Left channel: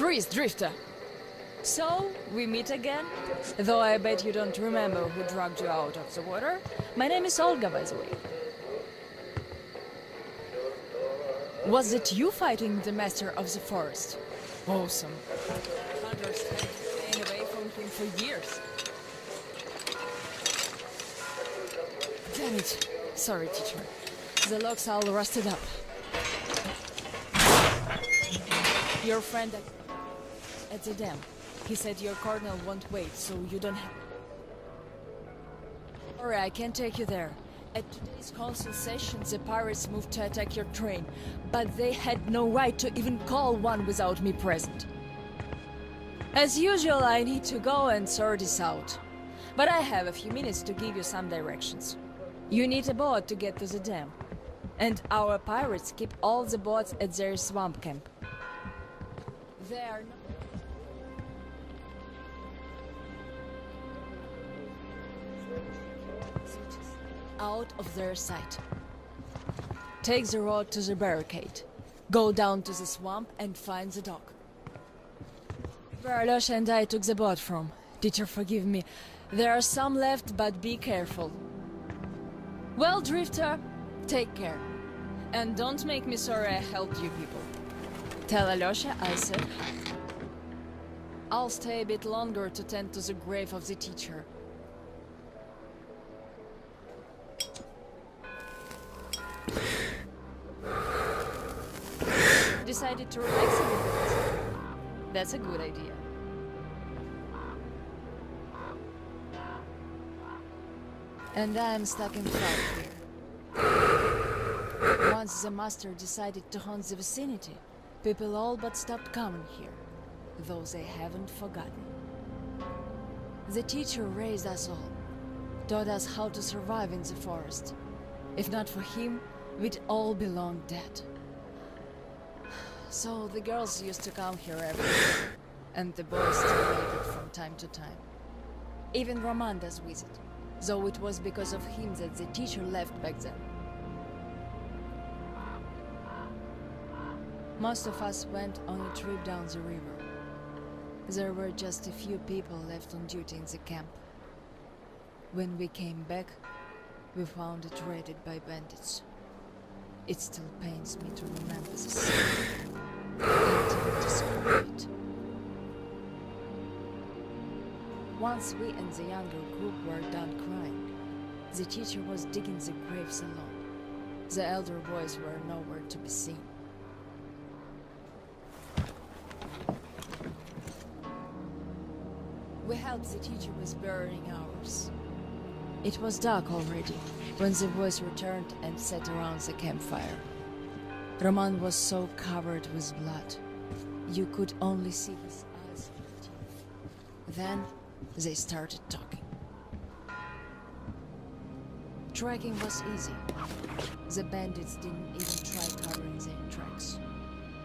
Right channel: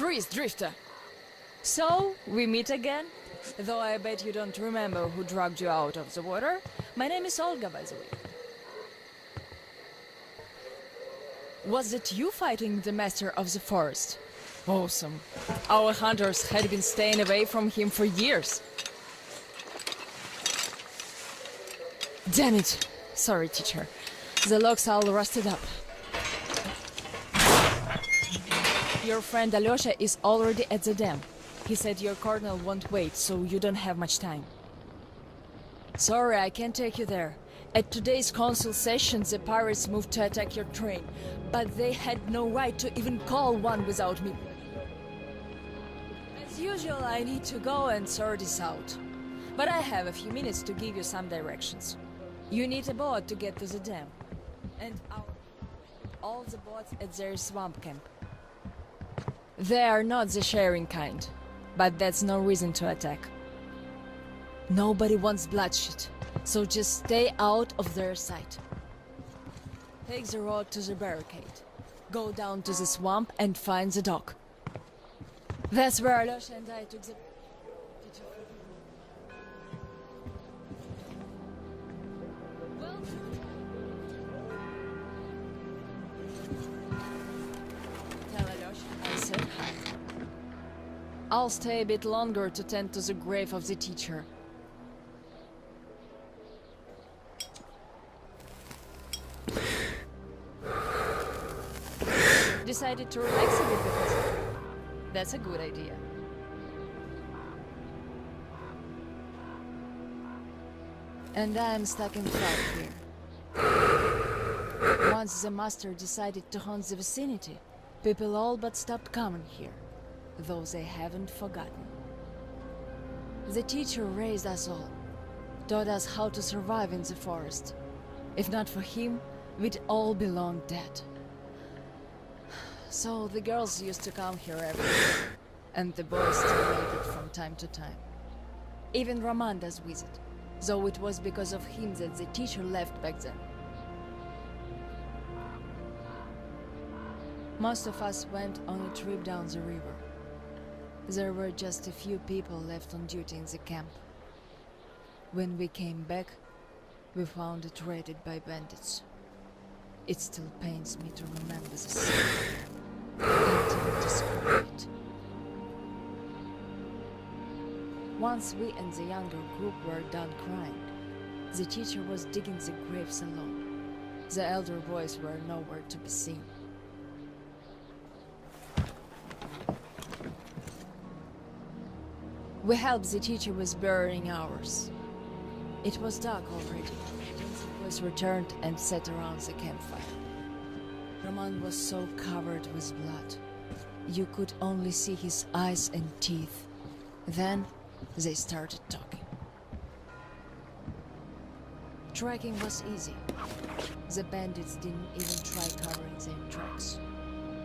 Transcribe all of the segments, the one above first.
Freeze, Drifter! So, we meet again? Though I bet you don't remember who dragged you out of the water. My name is Olga, by the way. Was it you fighting the master of the forest? Awesome. Our hunters had been staying away from him for years. Damn it. Sorry, teacher. The logs all rusted up. Your friend Alyosha is already at the dam. He said your colonel won't wait, so you don't have much time. Sorry, I can't take you there. At today's council session, the pirates moved to attack your train, but they had no right to even call one without me present. As usual, I need to go and sort this out. But I have a few minutes to give you some directions. You need a boat to get to the dam. And our pirates keep all the boats at their swamp camp. They are not the sharing kind, but that's no reason to attack. Nobody wants bloodshed, so just stay out of their sight. Take the road to the barricade. Go down to the swamp and find the dock. That's where Alyosha and I took the boat from. Teacher, forgive me. There are some left, but be careful. Well, Drifter, take care. And don't make me sorry I helped you people. Tell Alyosha I said hi. I'll stay a bit longer to tend to the grave of the teacher. Decided to relax a bit because of her. That's a good idea. And I'm stuck in flight here. Once the master decided to haunt the vicinity, people all but stopped coming here, though they haven't forgotten. The teacher raised us all, taught us how to survive in the forest. If not for him, we'd all be long dead. So the girls used to come here every day, and the boys still waited from time to time. Even Roman does visit, though it was because of him that the teacher left back then. Most of us went on a trip down the river. There were just a few people left on duty in the camp. When we came back, we found it raided by bandits. It still pains me to remember the scene. I can't even describe it. Once we and the younger group were done crying, the teacher was digging the graves alone. The elder boys were nowhere to be seen. We helped the teacher with burying ours. It was dark already when the boys returned and sat around the campfire. Roman was so covered with blood. You could only see his eyes and teeth. Then they started talking. Tracking was easy. The bandits didn't even try covering their tracks.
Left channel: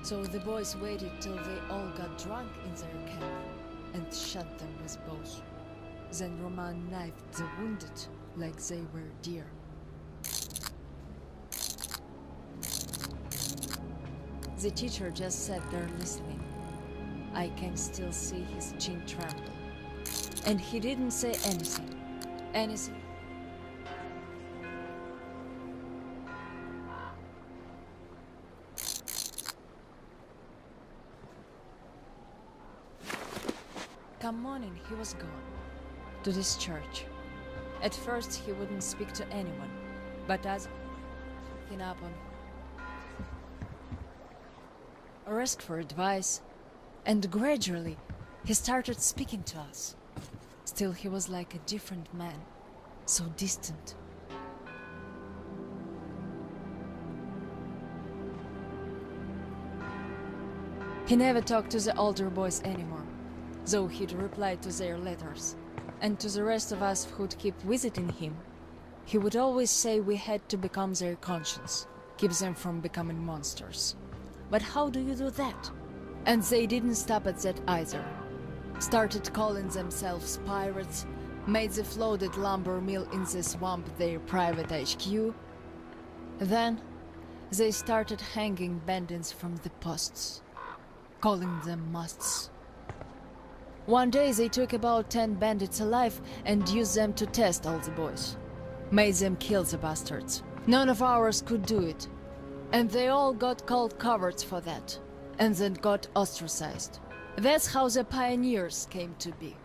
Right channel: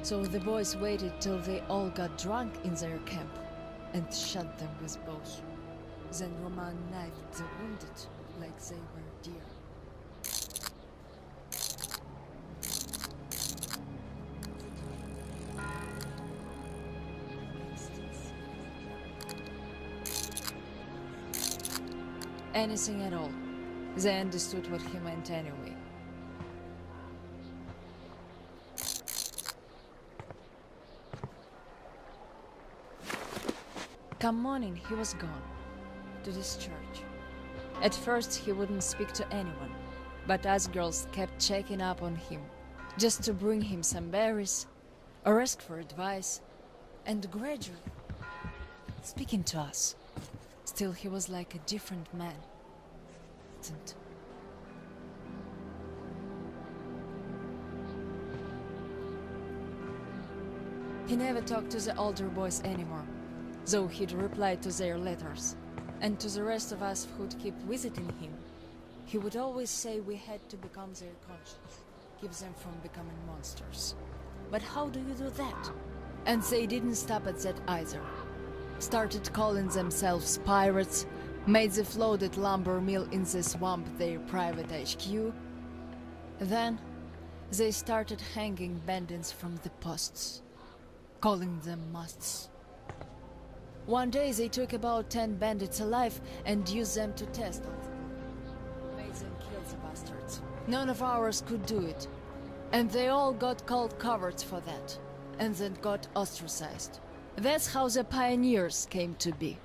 So the boys waited till they all got drunk in their camp and shot them with bows. Then Roman knifed the wounded like they were deer. The teacher just sat there listening. I can still see his chin tremble. And he didn't say anything. Anything at all. They understood what he meant anyway. Come morning, he was gone. To this church. At first he wouldn't speak to anyone, but us girls kept checking up on him, just to bring him some berries, or ask for advice, and gradually he started speaking to us. Still he was like a different man, so distant. He never talked to the older boys anymore, though he'd reply to their letters. And to the rest of us who'd keep visiting him, he would always say we had to become their conscience, keep them from becoming monsters. But how do you do that? And they didn't stop at that either. Started calling themselves pirates, made the floated lumber mill in the swamp their private HQ. Then they started hanging bandits from the posts. calling them musts. One day they took about 10 bandits alive and used them to test all the boys. Made them kill the bastards. None of ours could do it. And they all got called cowards for that. And then got ostracized. That's how the pioneers came to be.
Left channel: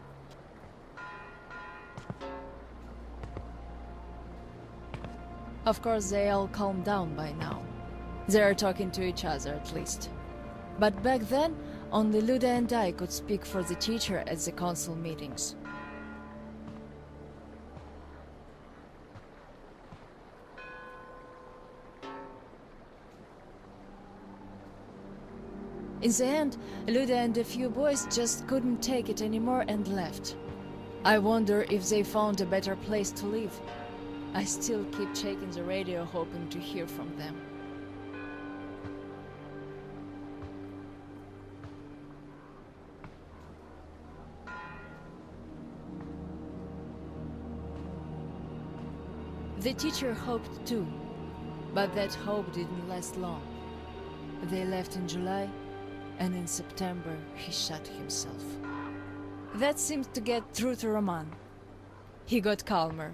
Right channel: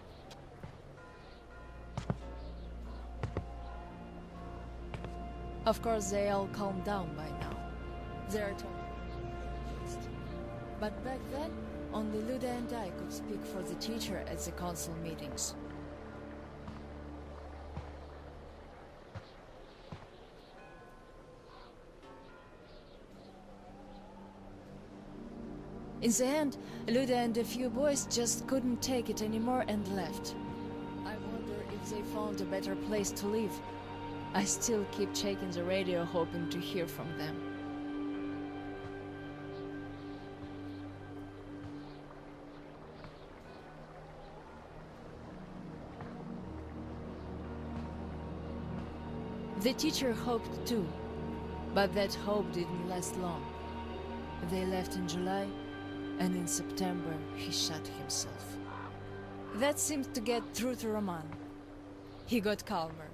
Of course, they all calmed down by now. They are talking to each other, at least. But back then, only Luda and I could speak for the teacher at the council meetings. In the end, Luda and a few boys just couldn't take it anymore and left. I wonder if they found a better place to live. I still keep checking the radio, hoping to hear from them. The teacher hoped too, but that hope didn't last long. They left in July, and in September he shot himself. That seemed to get through to Roman. He got calmer.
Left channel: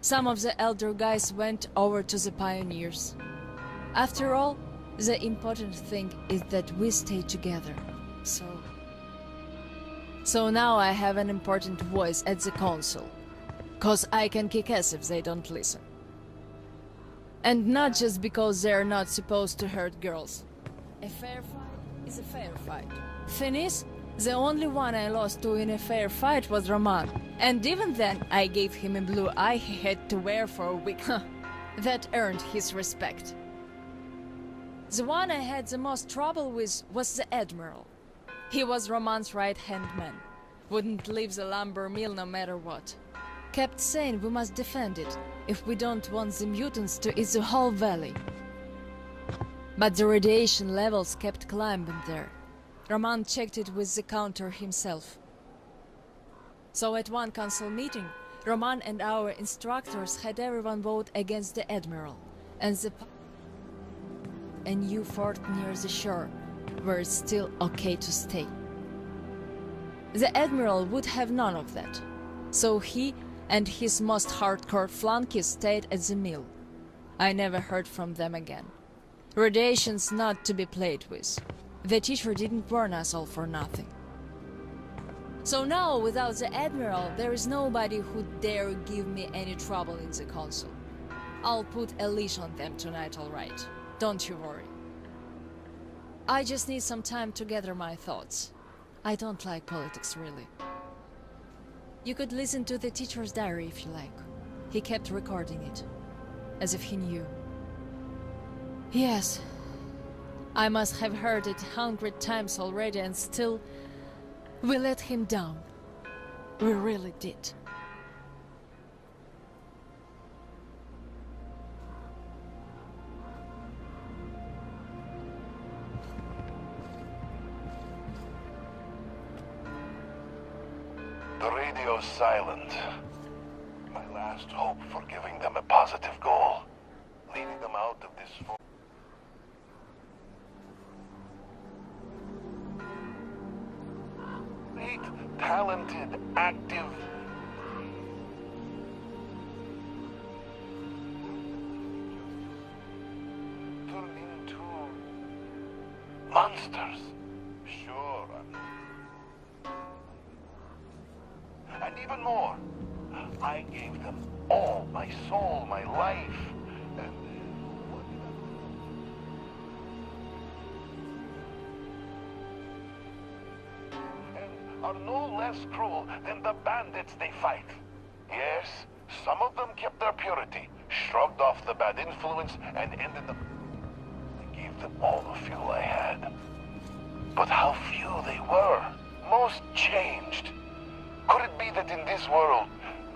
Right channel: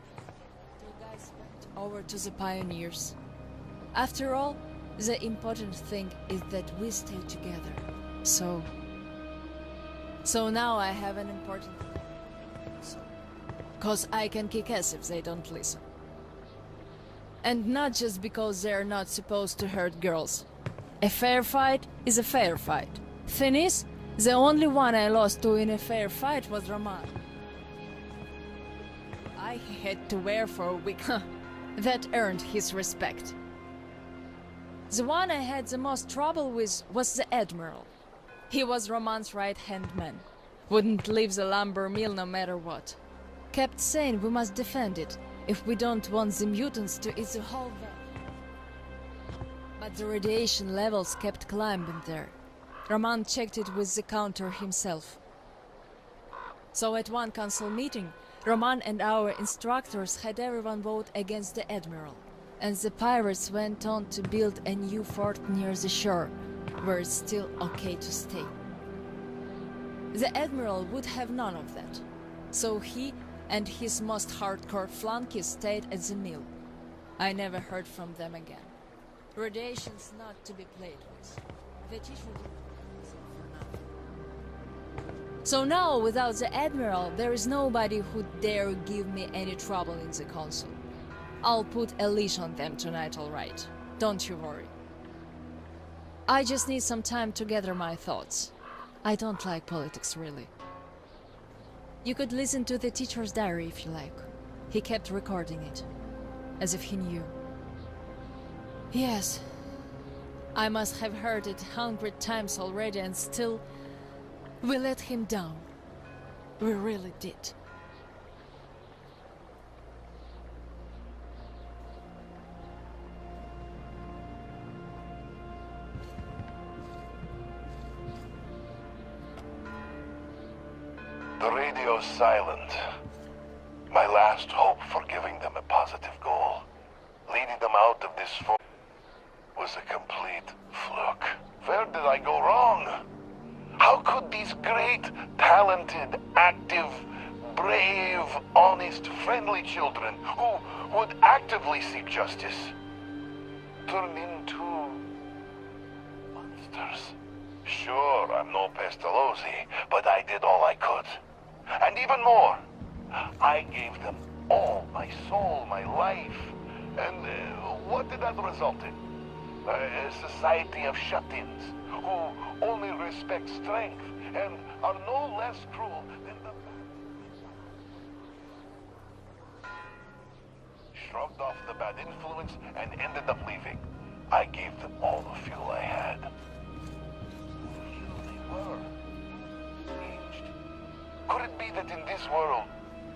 Some of the elder guys went over to the pioneers. After all, the important thing is that we stay together. So now I have an important voice at the council. 'Cause I can kick ass if they don't listen. And not just because they're not supposed to hurt girls. A fair fight is a fair fight. Thing is, the only one I lost to in a fair fight was Roman. And even then, I gave him a blue eye he had to wear for a week. That earned his respect. The one I had the most trouble with was the Admiral. He was Roman's right-hand man. Wouldn't leave the lumber mill no matter what. Kept saying we must defend it, if we don't want the mutants to eat the whole valley. But the radiation levels kept climbing there. Roman checked it with the counter himself. So at one council meeting, Roman and our instructors had everyone vote against the Admiral, and the pirates went on to build a new fort near the shore, where it's still okay to stay. The Admiral would have none of that, so he and his most hardcore flunkies stayed at the mill. I never heard from them again. Radiation's not to be played with. The teacher didn't warn us all for nothing. So now, without the Admiral, there is nobody who'd dare give me any trouble in the council. I'll put a leash on them tonight, all right. Don't you worry. I just need some time to gather my thoughts. I don't like politics, really. You could listen to the teacher's diary if you like. He kept recording it, as if he knew. Yes, I must have heard it 100 times already, and still, we let him down. We really did. The radio's silent. My last hope for giving them a positive goal, leading them out of this fort, was a complete fluke. Where did I go wrong? How could these great, talented, active, brave, honest, friendly children who would actively seek justice turn into monsters? Sure, I'm no Pestalozzi, but I did all I could. And even more, I gave them all my soul, my life. And what did that result in? A society of shut-ins who only respect strength and are no less cruel than the bandits they fight. Yes, some of them kept their purity, shrugged off the bad influence, and ended up leaving. I gave them all the fuel I had. But how few they were. Most changed. Could it be that in this world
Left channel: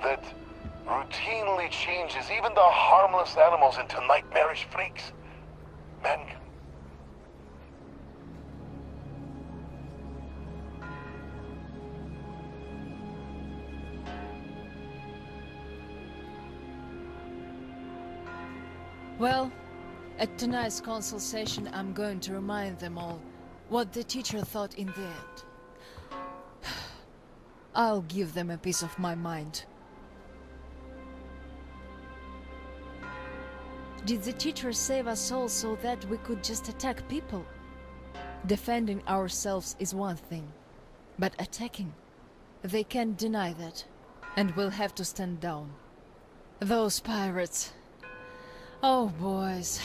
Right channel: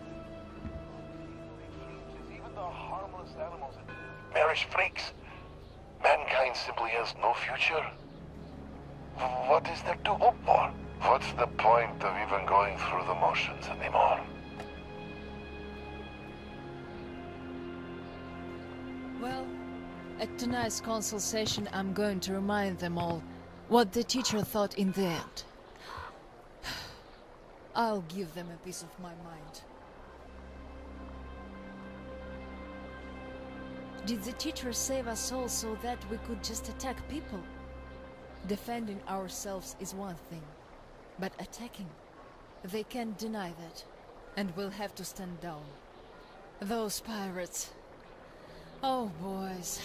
that routinely changes even the harmless animals into nightmarish freaks, mankind simply has no future? What is there to hope for? What's the point of even going through the motions anymore? Well, at tonight's council session, I'm going to remind them all What the teacher thought in the end. I'll give them a piece of my mind. Did the teacher save us all so that we could just attack people? Defending ourselves is one thing, but attacking, they can't deny that, and we'll have to stand down. Those pirates. Oh, boys.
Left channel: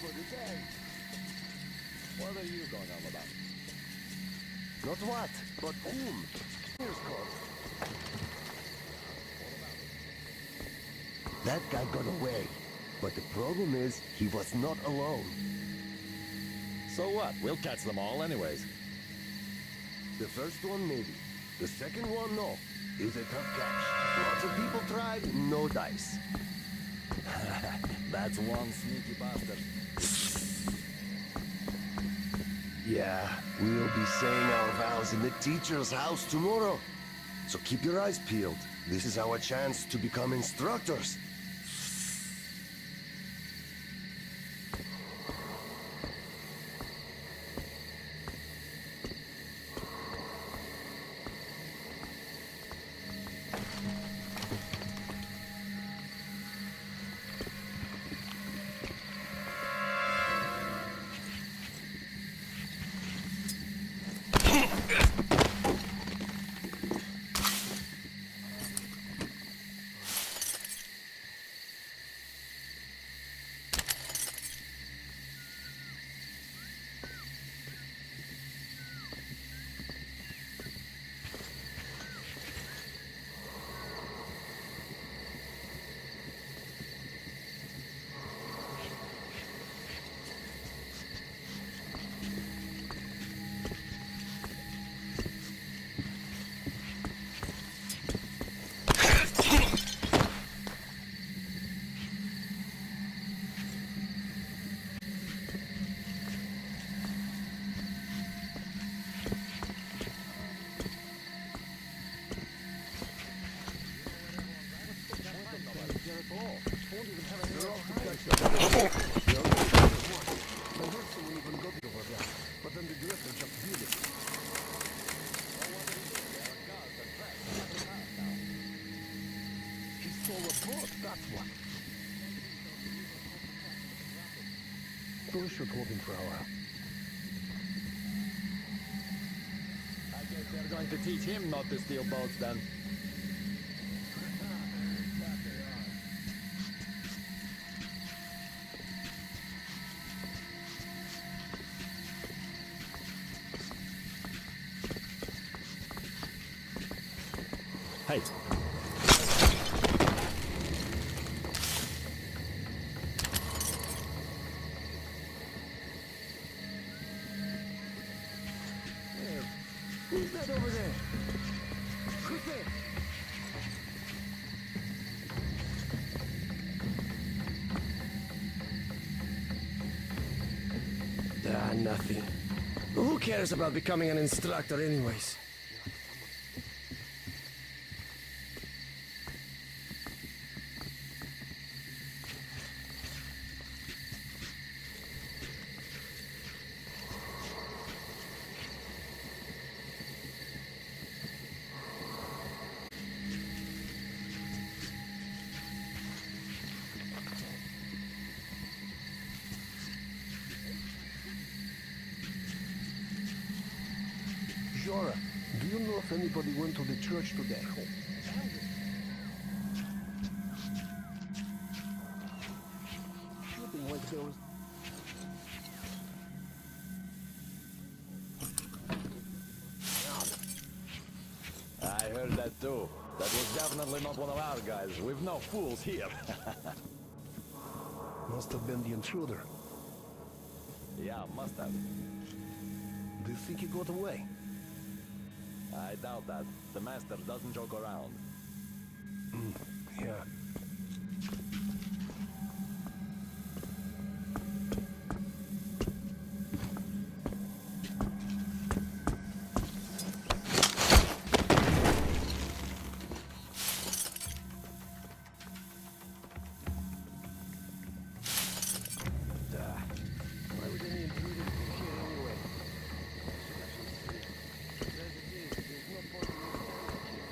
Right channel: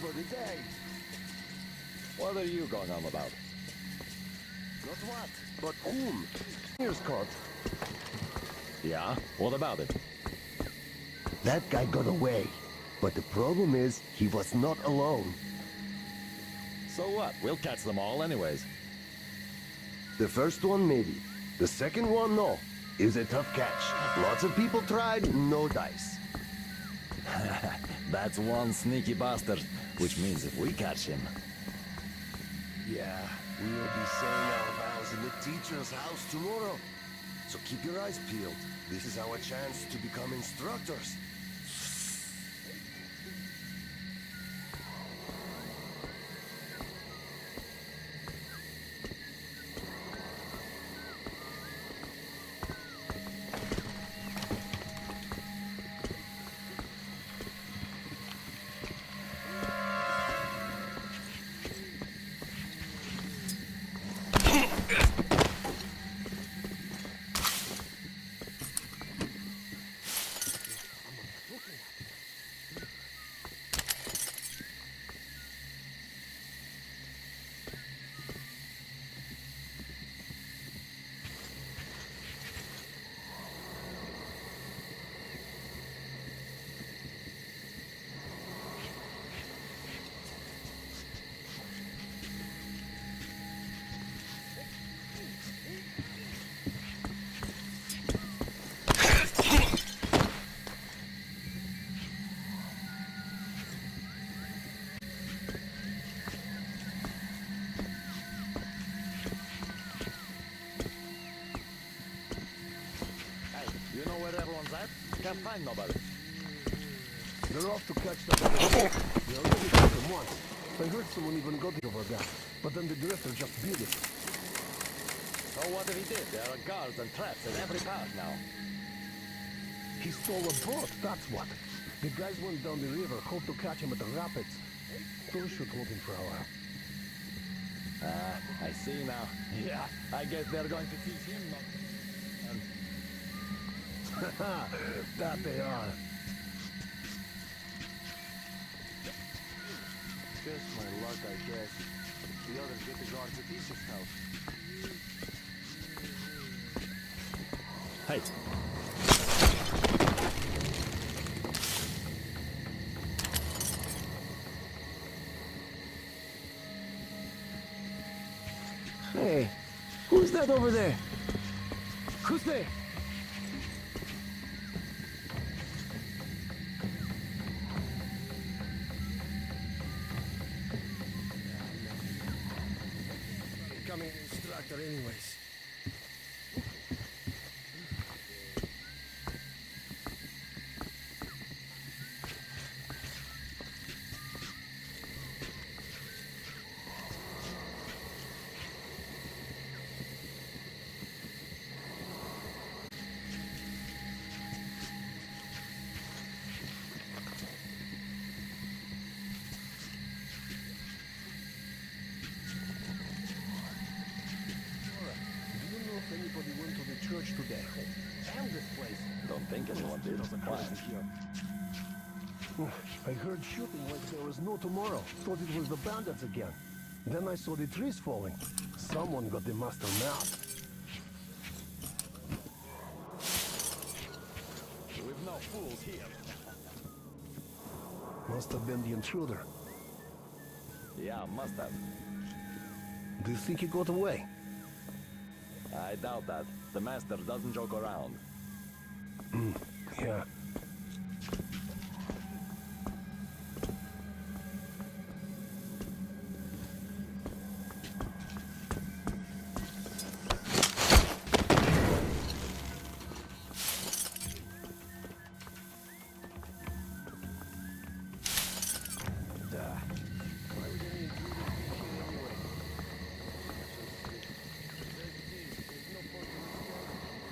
For the day. What are you going on about? Not what, but whom? Here's caught. Yeah? What about it? That guy got away. But the problem is, he was not alone. So what? We'll catch them all anyways. The first one, maybe. The second one, no. Is a tough catch. Lots of people tried, no dice. That's one sneaky bastard. Which means if we catch him... Yeah, we'll be saying our vows in the teacher's house tomorrow. So keep your eyes peeled. This is our chance to become instructors. Can't find nobody. They're off to catch them. They already got them once. I heard someone even got over there, but then the drifter just beat it. So what if he did? There are guards and traps in every path now. He stole a boat, that's what. The guys went down the river, hoped to catch him at the rapids. Those should hold him for a while. I see now. Yeah, I guess they're going to teach him not to steal boats then. That they are. That's my luck, I guess. The other disregard with the sick house. Hey. Hey, who's that over there? Who's there? Nothing. Who cares about becoming an instructor anyways? Do you know if anybody went to the church today? Damn this place! Don't think anyone did. I heard shooting like there was no tomorrow. Thought it was the bandits again. Then I saw the trees falling. Someone got the master mad. I heard that too. That was definitely not one of our guys. We've no fools here. Must have been the intruder. Yeah, must have. Do you think he got away? I doubt that. The master doesn't joke around. Yeah. Why would any intruders be here anyway? Should have some sleep. As it is, there's no point in me standing here.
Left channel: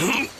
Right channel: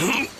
Huh?